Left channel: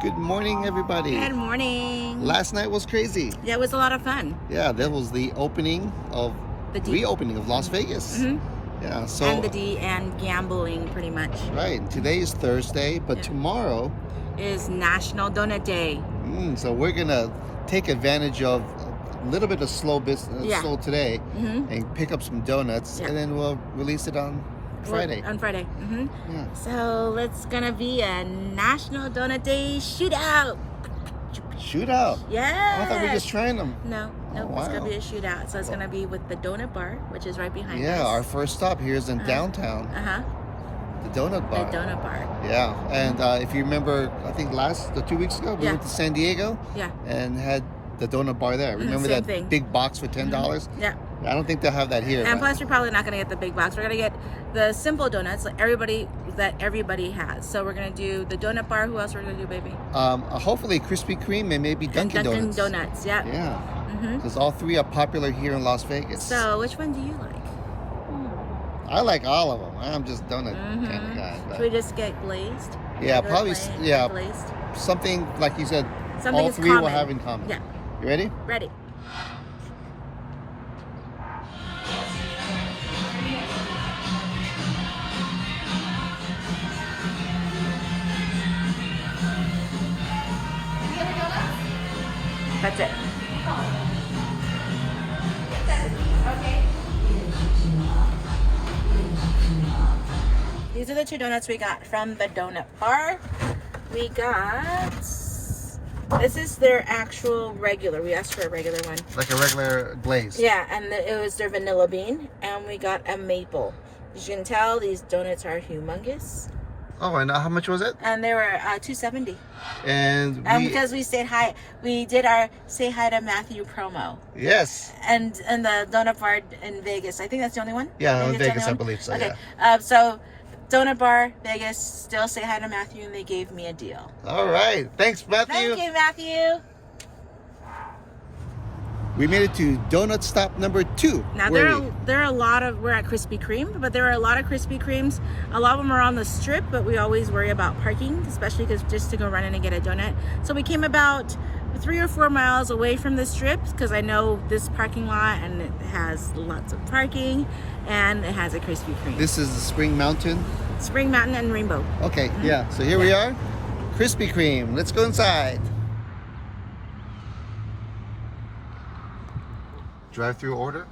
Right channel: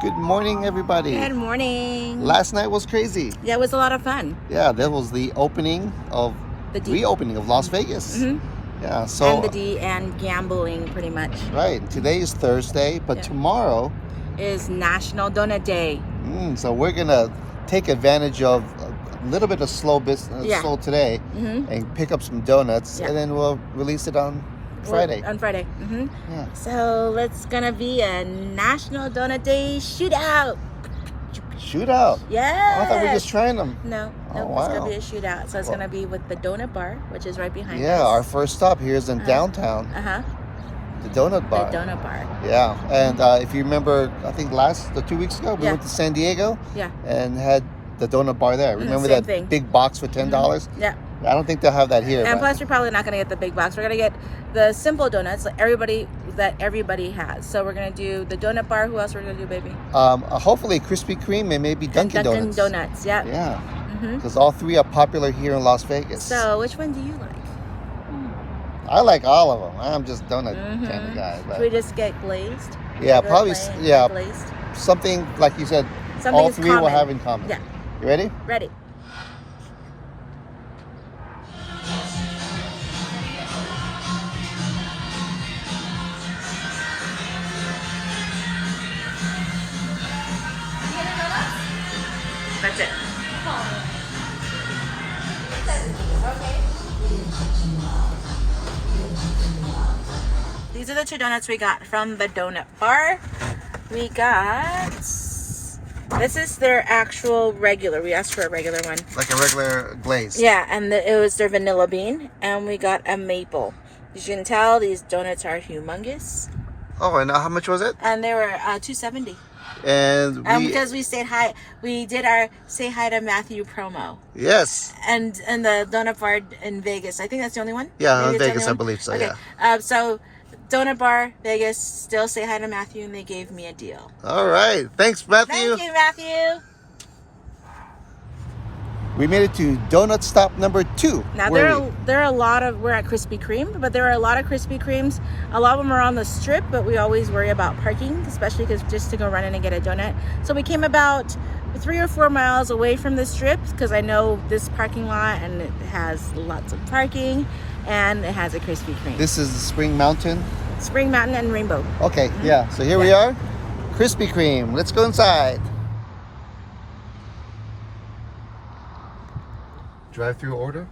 Good morning, everybody. Good morning. Last night was crazy. Yeah, it was a lot of fun. Yeah, that was the reopening of Las Vegas. Yeah, so And gambling, pretty much. right. Today is Thursday, but tomorrow is National.Donut Day. So we're gonna take advantage of a little bit of slow business, slow today, and pick up some donuts, and then we'll release it on Friday. Yeah. So it's gonna be a National.Donut Day shootout. Shootout? Yeah. I thought we were just trying them. No, it's gonna be a shootout. So it's gonna be with the donut bar, which is right behind us. Yeah, our first stop here is in downtown. The donut bar. The donut bar. Yeah, and if you remember, I think 2 weeks ago, we went to San Diego and had the donut bar there. Remember that big box for $10? Yeah. I don't think they'll have that here. And plus, we're probably not going to get the big box. We're going to get the simple donuts that everybody has. So we're going to do the donut bar. Who else we're going to do, baby? Hopefully Krispy Kreme and maybe Dunkin Donuts. Dunkin Donuts, yeah. Yeah, because all three are popular here in Las Vegas. So which one do you like? I like all of them. I'm just donut kind of guy. But should we just get glazed? Yeah, probably. Yeah, glazed. Something like you said. Something all three will have in common. Yeah. You ready? Ready. That's it. These are the two donuts we got from the donut bar. We got, this is their actual regular. We asked for a regular one. Like a regular glaze. Yeah, and it was their vanilla bean. And we got a maple. As you can tell, these donuts are humongous. Oh, and how much was it? And they were $2.70. And because we stayed high, we did our Say Hi to Matthew promo. Yes. And the donut bar in Vegas. I think that's the only one? Yeah, in Vegas, I believe so, okay. Yeah. So, donut bar, Vegas, still Say Hi to Matthew, and they gave me a deal. All right. Thanks, Matthew. Thank you, Matthew. We made it to donut stop number 2. Now, there are a lot of, we're at Krispy Kreme, but there are a lot of Krispy Kremes. A lot of them are on the strip, but we always worry about parking, especially because just to go run in and get a donut. So we came about 3 or 4 miles away from the strip because I know this parking lot and it has lots of parking and it has a Krispy Kreme. This is the Spring Mountain? Spring Mountain and Rainbow. Okay, yeah. So here we are. Krispy Kreme. Let's go inside. Drive-through order.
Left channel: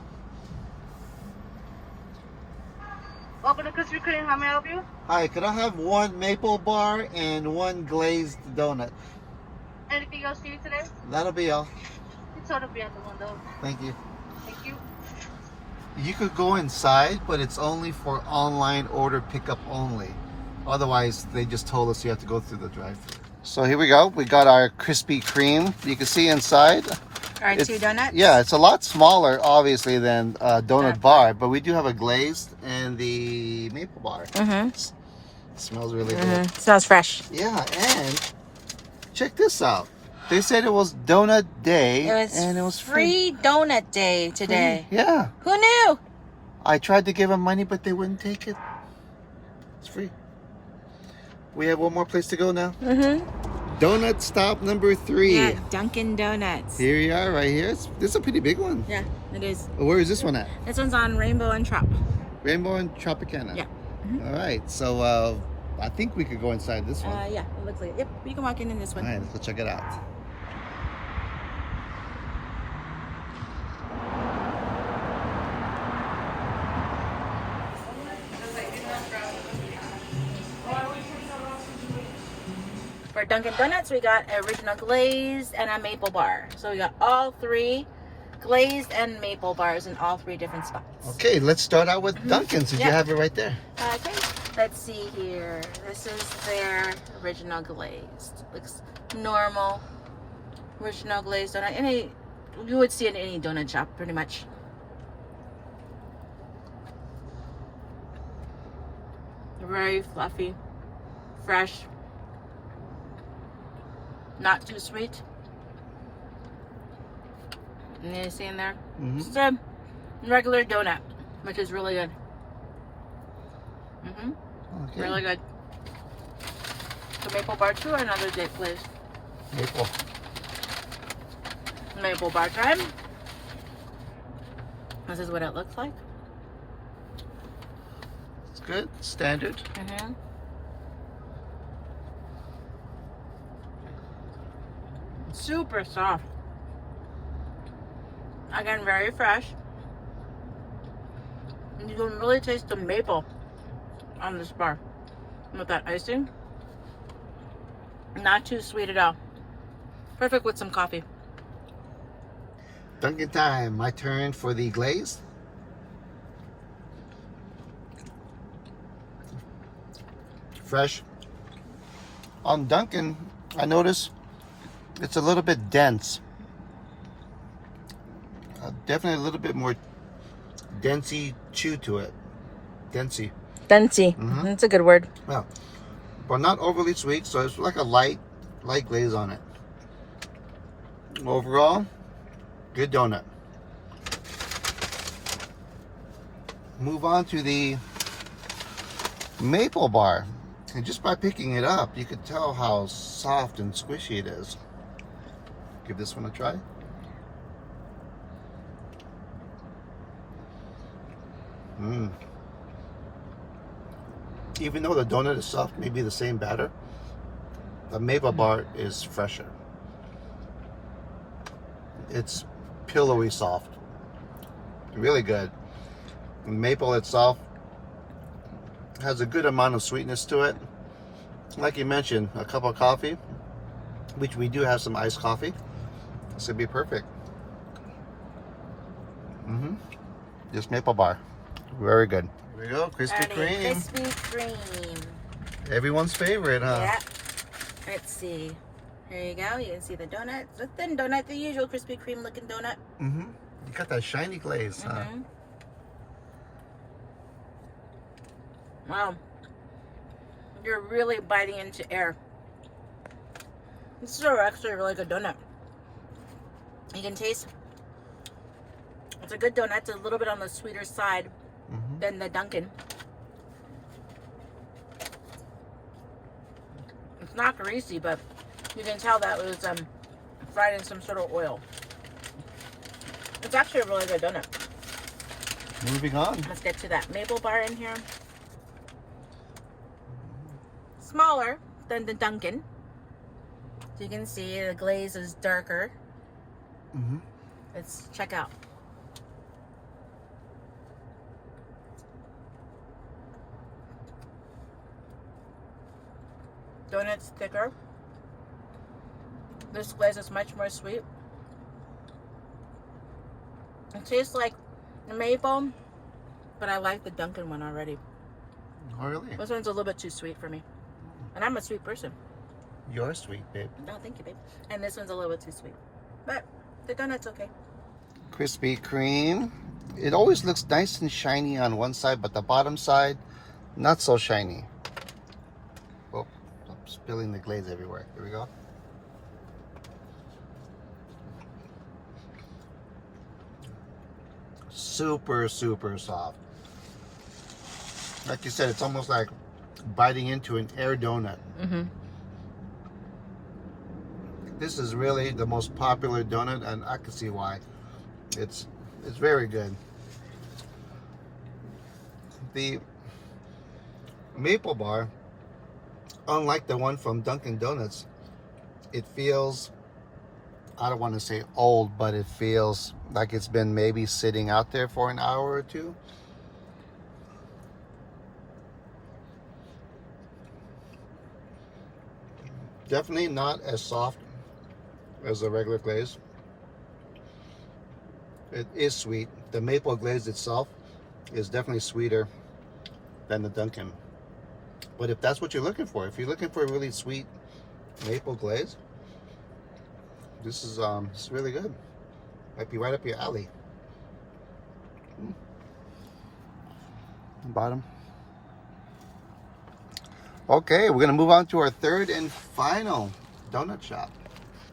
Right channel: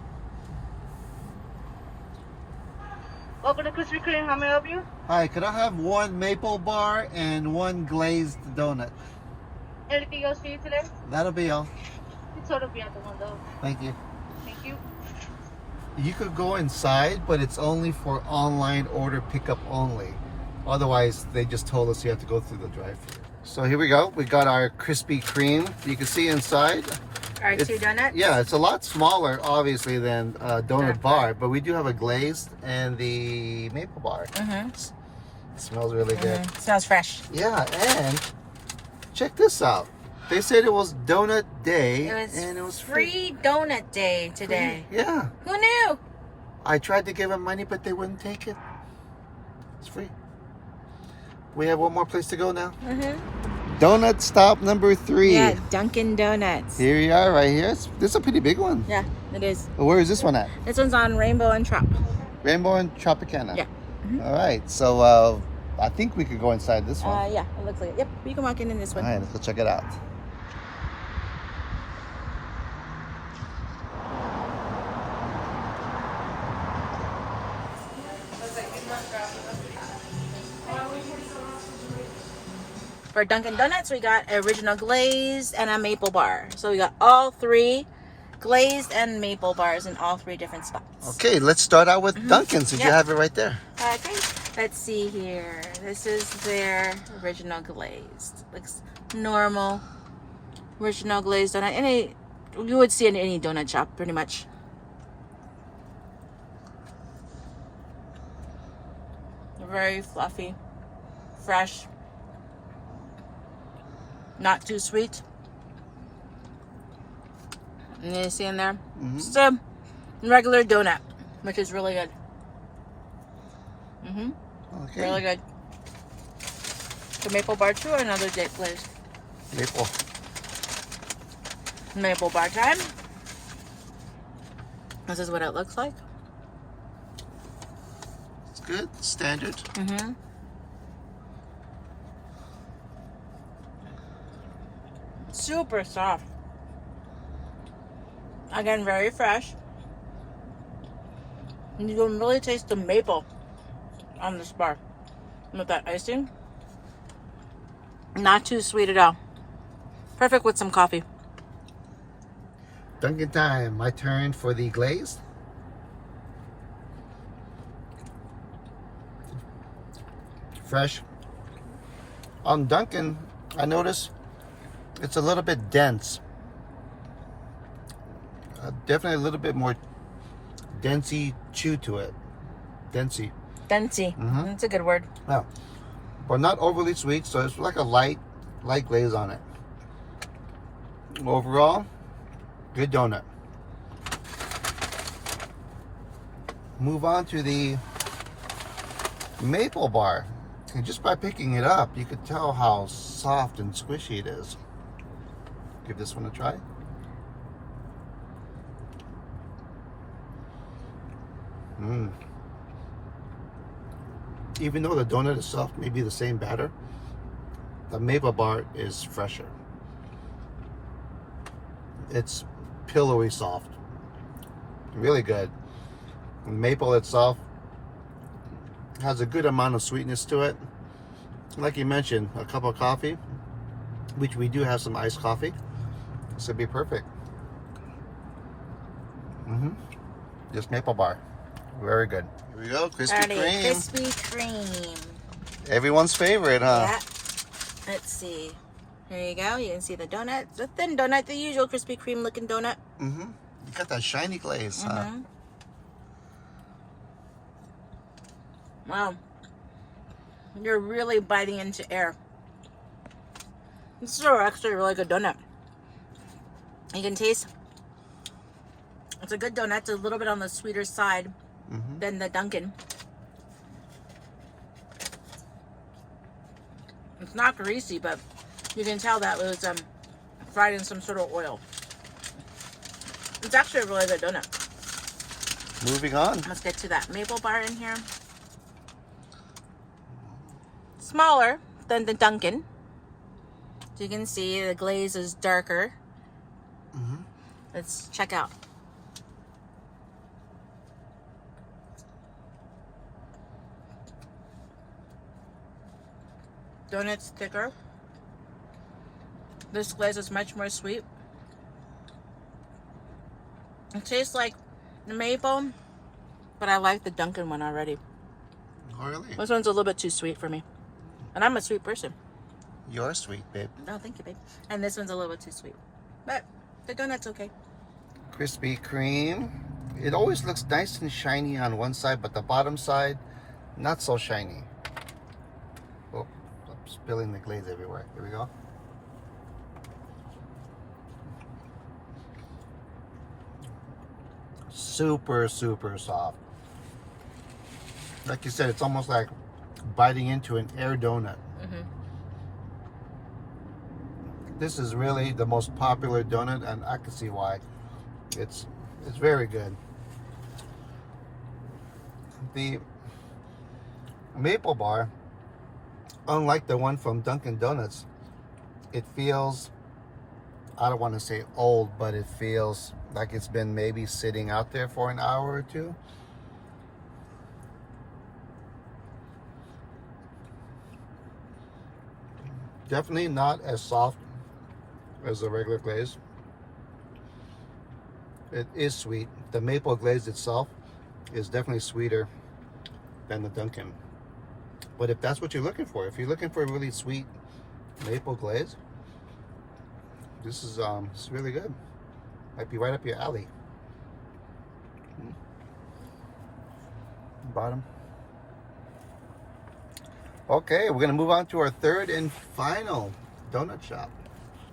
Welcome to Krispy Kreme. How may I help you? Hi, could I have 1 maple bar and 1 glazed donut? Anything else for you today? That'll be all. It's sort of be at the window. Thank you. Thank you. You could go inside, but it's only for online order pickup only. Otherwise, they just told us you have to go through the drive-through. So here we go. We got our Krispy Kreme. You can see inside. Our 2 donuts? Yeah, it's a lot smaller, obviously, than a donut bar, but we do have a glazed and the maple bar. It smells really good. Smells fresh. Yeah, and check this out. They said it was donut day, and it was free donut day today. Yeah. Who knew? I tried to give them money, but they wouldn't take it. It's free. We have one more place to go now. Donut stop number 3. Yeah, Dunkin Donuts. Here we are, right here. This is a pretty big one. Yeah, it is. Where is this one at? This one's on Rainbow and Trop. Rainbow and Tropicana. Yeah. All right. So I think we could go inside this one. Yeah, it looks like it. Yep, we can walk in this one. All right, let's go check it out. For Dunkin Donuts, we got original glazed and a maple bar. So we got all 3 glazed and maple bars in all 3 different spots. Okay, let's start out with Dunkin's. Did you have it right there? Okay, let's see here. This is their original glazed. Looks normal. Original glazed donut. You would see it in any donut shop, pretty much. Very fluffy, fresh. Not too sweet. And you see in there? Just a regular donut, which is really good. Okay. Really good. The maple bar too, or another date, please? Maple bar time. This is what it looks like. It's good. Standard. Mm-hmm. Super soft. Again, very fresh. And you can really taste the maple on this bar. With that icing. Not too sweet at all. Perfect with some coffee. Dunkin' time. My turn for the glaze. Fresh. On Dunkin', I notice it's a little bit dense. Definitely a little bit more densey chew to it. Densey. Densey. Mhm. That's a good word. Yeah. But not overly sweet, so it's like a light glaze on it. Overall, good donut. Move on to the maple bar. And just by picking it up, you could tell how soft and squishy it is. Give this one a try. Even though the donut is soft, maybe the same batter, the maple bar is fresher. It's pillowy soft. Really good. Maple itself has a good amount of sweetness to it. Like you mentioned, a cup of coffee, which we do have some iced coffee. This would be perfect. Just maple bar. Very good. Here we go, Krispy Kreme. Krispy Kreme. Everyone's favorite, huh? Yeah. Let's see. There you go. You can see the donut. It's a thin donut, the usual Krispy Kreme looking donut. You got that shiny glaze, huh? Wow. You're really biting into air. This is actually a really good donut. You can taste. It's a good donut. It's a little bit on the sweeter side than the Dunkin'. It's not greasy, but you can tell that was fried in some sort of oil. It's actually a really good donut. Moving on. Let's get to that maple bar in here. Smaller than the Dunkin'. So you can see the glaze is darker. Let's check out. Donut's thicker. This glaze is much more sweet. It tastes like the maple, but I like the Dunkin' one already. Oh, really? This one's a little bit too sweet for me. And I'm a sweet person. You're sweet, babe. No, thank you, babe. And this one's a little bit too sweet. But the donut's okay. Krispy Kreme. It always looks nice and shiny on one side, but the bottom side, not so shiny. Oh, I'm spilling the glaze everywhere. Here we go. Super, super soft. Like you said, it's almost like biting into an air donut. This is really the most popular donut, and I can see why. It's very good. The maple bar, unlike the one from Dunkin' Donuts, it feels, I don't want to say old, but it feels like it's been maybe sitting out there for an hour or two. Definitely not as soft as the regular glaze. It is sweet. The maple glaze itself is definitely sweeter than the Dunkin'. But if that's what you're looking for, if you're looking for a really sweet maple glaze, this is really good. Might be right up your alley. Bottom. Okay, we're gonna move on to our third and final donut shop,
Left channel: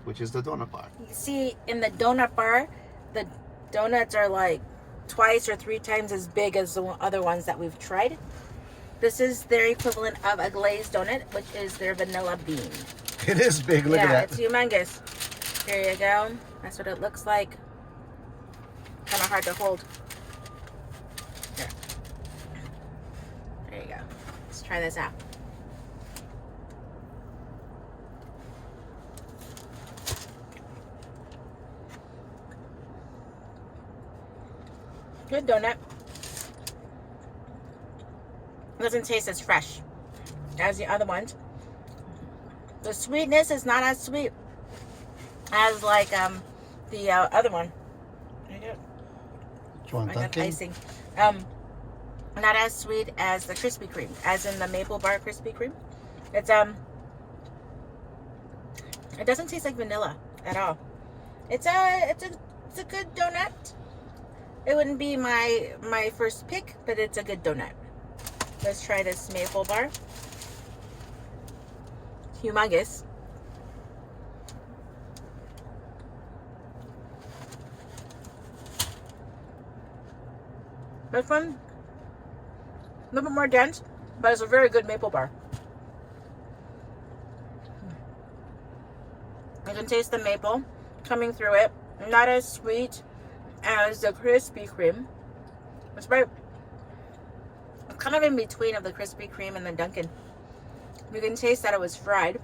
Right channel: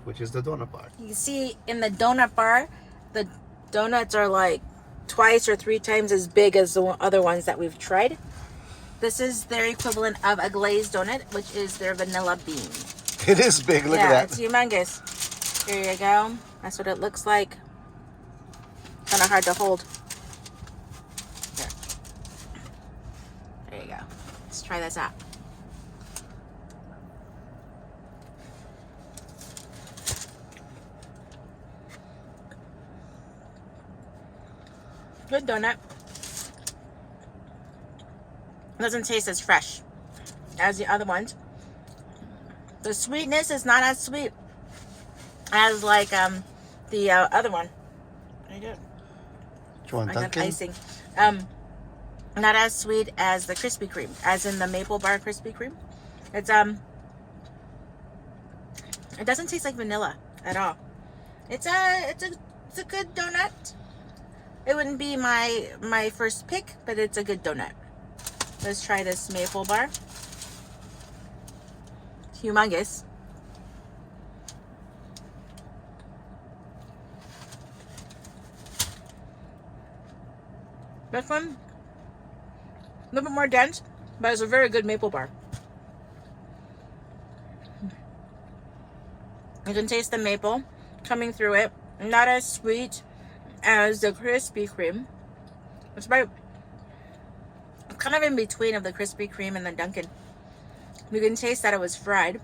which is the donut bar. You can see in the donut bar, the donuts are like twice or three times as big as the other ones that we've tried. This is their equivalent of a glazed donut, which is their vanilla bean. It is big. Look yeah, at it's that. humongous. Here you go. That's what it looks like. Kind of hard to hold. Here. There you go. Let's try this out. Good donut. Doesn't taste as fresh as the other ones. The sweetness is not as sweet as like the other one. I do. Which one, I got Dunkin'? icing. Not as sweet as the Krispy Kreme, as in the maple bar Krispy Kreme. It's it doesn't taste like vanilla at all. It's a good donut. It wouldn't be my first pick, but it's a good donut. Let's try this maple bar. Humongous. This one, a little bit more dense, but it's a very good maple bar. You can taste the maple coming through it. Not as sweet as the Krispy Kreme. It's about kind of in between of the Krispy Kreme and the Dunkin'. You can taste that it was fried.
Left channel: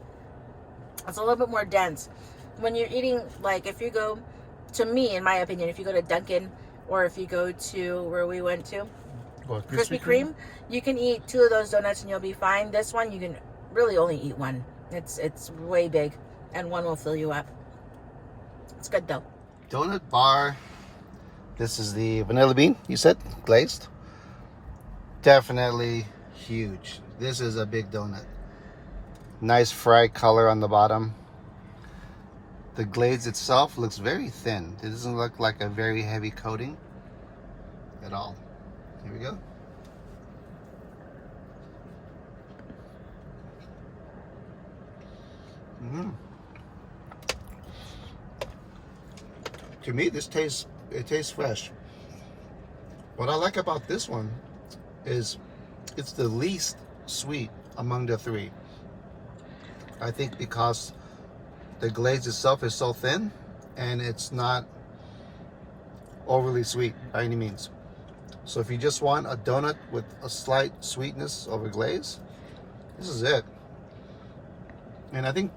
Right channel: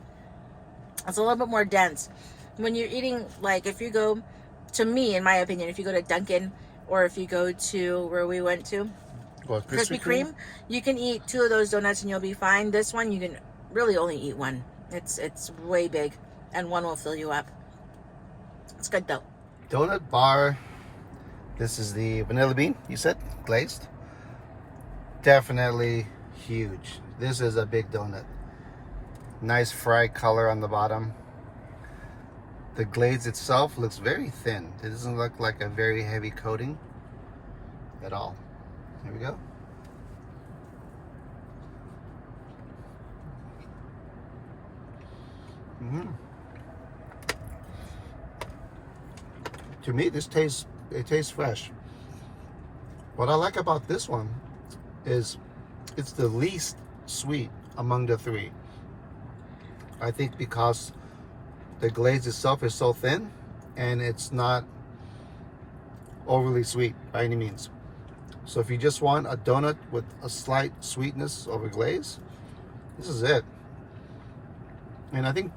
It's a little bit more dense. When you're eating, like if you go, to me, in my opinion, if you go to Dunkin' or if you go to where we went to, What, Krispy Kreme, you can eat 2 of those donuts and you'll be fine. This one, you can really only eat 1. It's way big, and 1 will fill you up. It's good though. Donut bar. This is the vanilla bean, you said, glazed. Definitely huge. This is a big donut. Nice fried color on the bottom. The glaze itself looks very thin. It doesn't look like a very heavy coating at all. Here we go. To me, it tastes fresh. What I like about this one is it's the least sweet among the 3. I think because the glaze itself is so thin and it's not overly sweet by any means. So if you just want a donut with a slight sweetness over glaze, this is it. And I think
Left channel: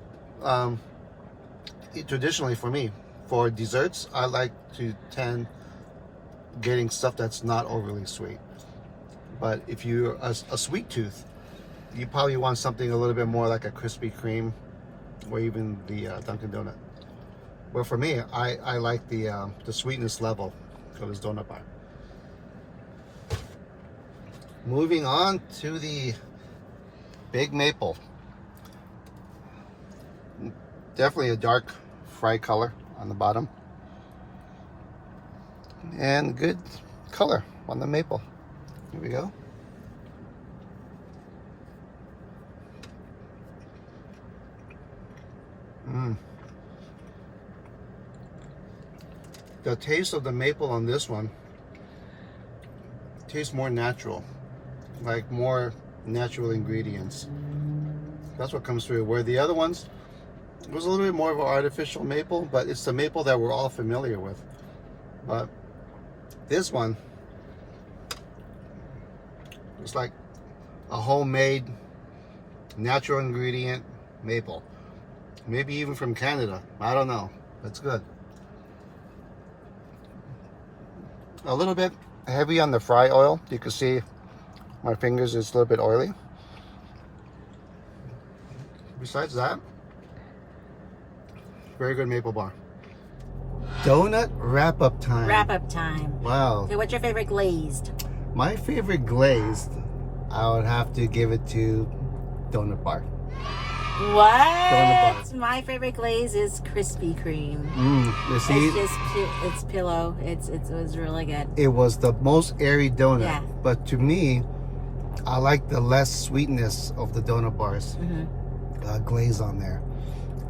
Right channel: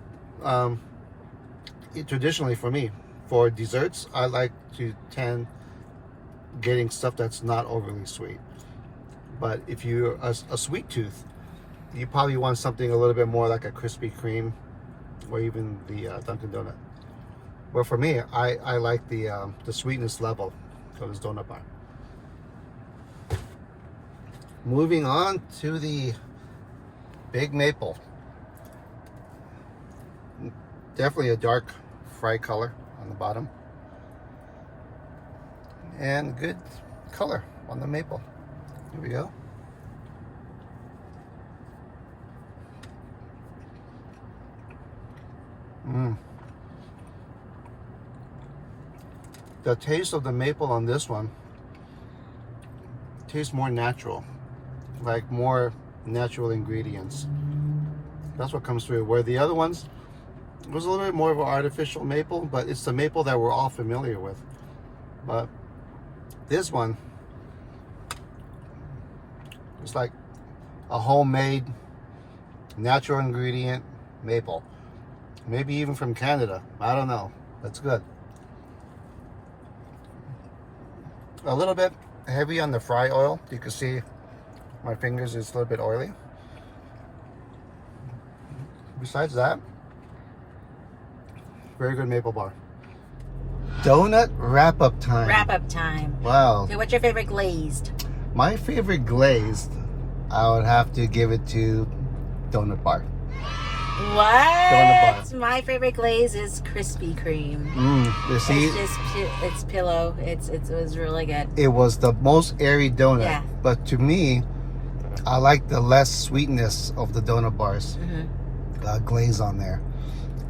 traditionally for me, for desserts, I like to tend getting stuff that's not overly sweet. But if you're a sweet tooth, you probably want something a little bit more like a Krispy Kreme or even the Dunkin Donut. But for me, I like the sweetness level for this donut bar. Moving on to the Big Maple. Definitely a dark fried color on the bottom. And good color on the maple. Here we go. The taste of the maple on this one tastes more natural, like more natural ingredients. That's what comes through. Where the other ones, it was a little bit more of an artificial maple, but it's the maple that we're all familiar with. But this one, it's like a homemade, natural ingredient maple. Maybe even from Canada. I don't know. That's good. A little bit heavy on the fry oil. You can see my fingers is a little bit oily. Besides that, very good maple bar. Donut wrap-up time. Wrap-up time. Wow. Okay, what's your favorite glazed? My favorite glazed, I would have to give it to donut bar. What? My favorite glaze is Krispy Kreme. You see, It's just it's pillow. It was really good. it was the most airy donut. Yeah. But to me, I like the less sweetness of the donut bars. Glaze on there.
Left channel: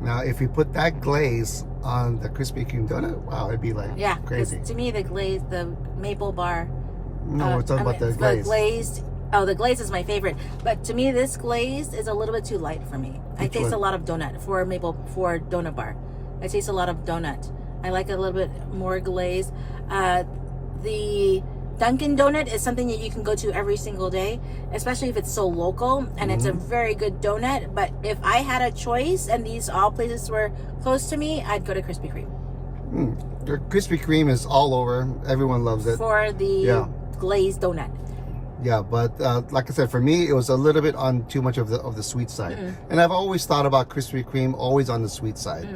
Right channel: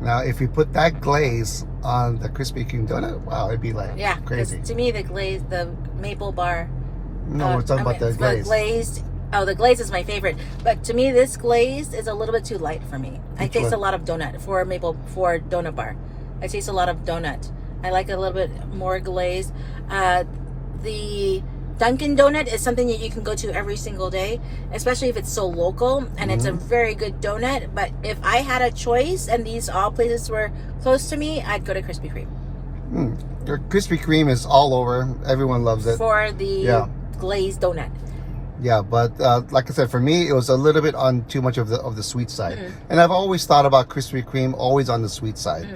Now, if you put that glaze on the Krispy Kreme donut, wow, it'd be like crazy. To me, the maple bar. No, we're talking about the glaze. The glazed Oh, the glaze is my favorite. But to me, this glaze is a little bit too light for me. I taste a lot of donut for donut bar. I taste a lot of donut. I like a little bit more glaze. The Dunkin Donut is something that you can go to every single day, especially if it's so local, and it's a very good donut. But if I had a choice and these all places were close to me, I'd go to Krispy Kreme. The Krispy Kreme is all over. Everyone loves it. For the glazed donut. Yeah, but like I said, for me, it was a little bit on too much of the sweet side. And I've always thought about Krispy Kreme always on the sweet side,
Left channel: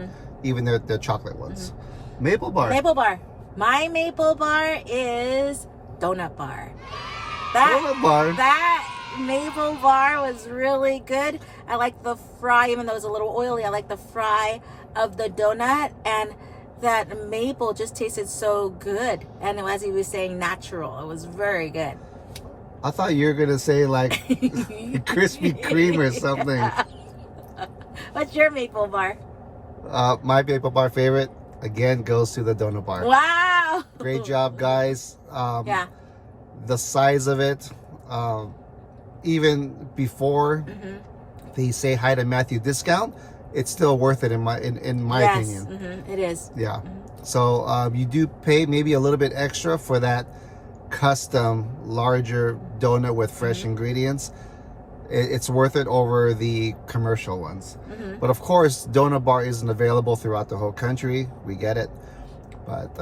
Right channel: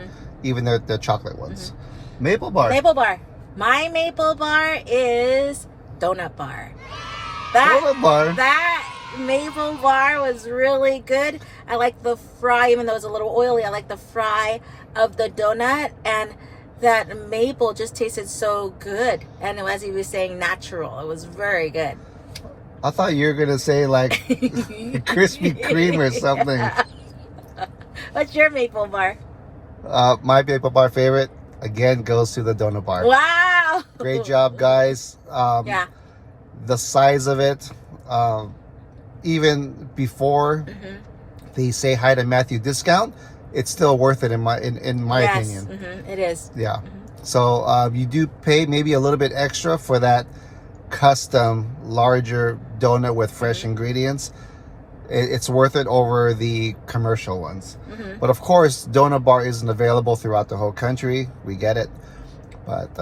even the chocolate ones. Maple bar. Maple bar. My maple bar is donut bar. Donut bar. That maple bar was really good. I like the fry, even though it's a little oily. I like the fry of the donut, and that maple just tasted so good. And as he was saying, natural. It was very good. I thought you were gonna say like Krispy Kreme or something. What's your maple bar? My maple bar favorite again goes to the donut bar. Wow! Great job, guys. Yeah. The size of it, even before they say hi to Matthew discount, it's still worth it in my opinion. It is. Yeah. So you do pay maybe a little bit extra for that custom larger donut with fresh ingredients. It's worth it over the commercial ones. But of course, donut bar isn't available throughout the whole country. We get it, but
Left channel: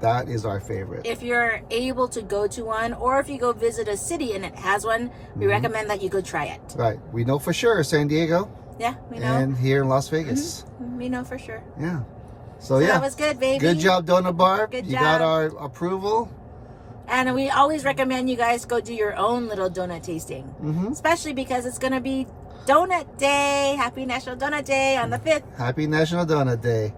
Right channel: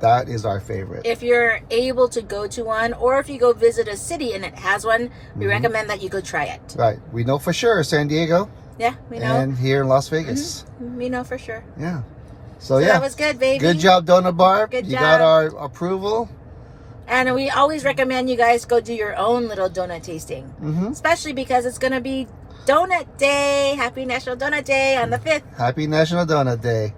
that is our favorite. If you're able to go to one, or if you go visit a city and it has one, we recommend that you go try it. Right. We know for sure San Diego. Yeah, we know. And here in Las Vegas. We know for sure. Yeah. So that was good, baby. Good job, donut bar. Good you job. got our approval. And we always recommend you guys go do your own little donut tasting. Especially because it's going to be Donut Day. Happy National Donut Day on the 5th. Happy National Donut Day.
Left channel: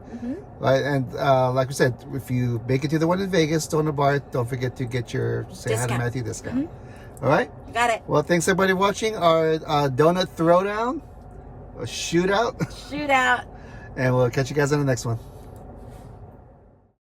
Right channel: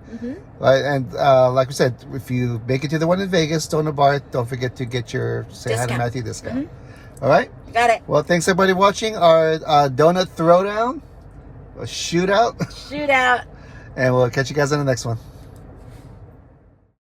Right, and like we said, if you make it to the one in Vegas, Donut Bar, don't forget to get your Say Hi to Matthew discount. All right? Got it. Well, thanks everybody watching our donut throwdown, a shootout. Shootout. And we'll catch you guys on the next one.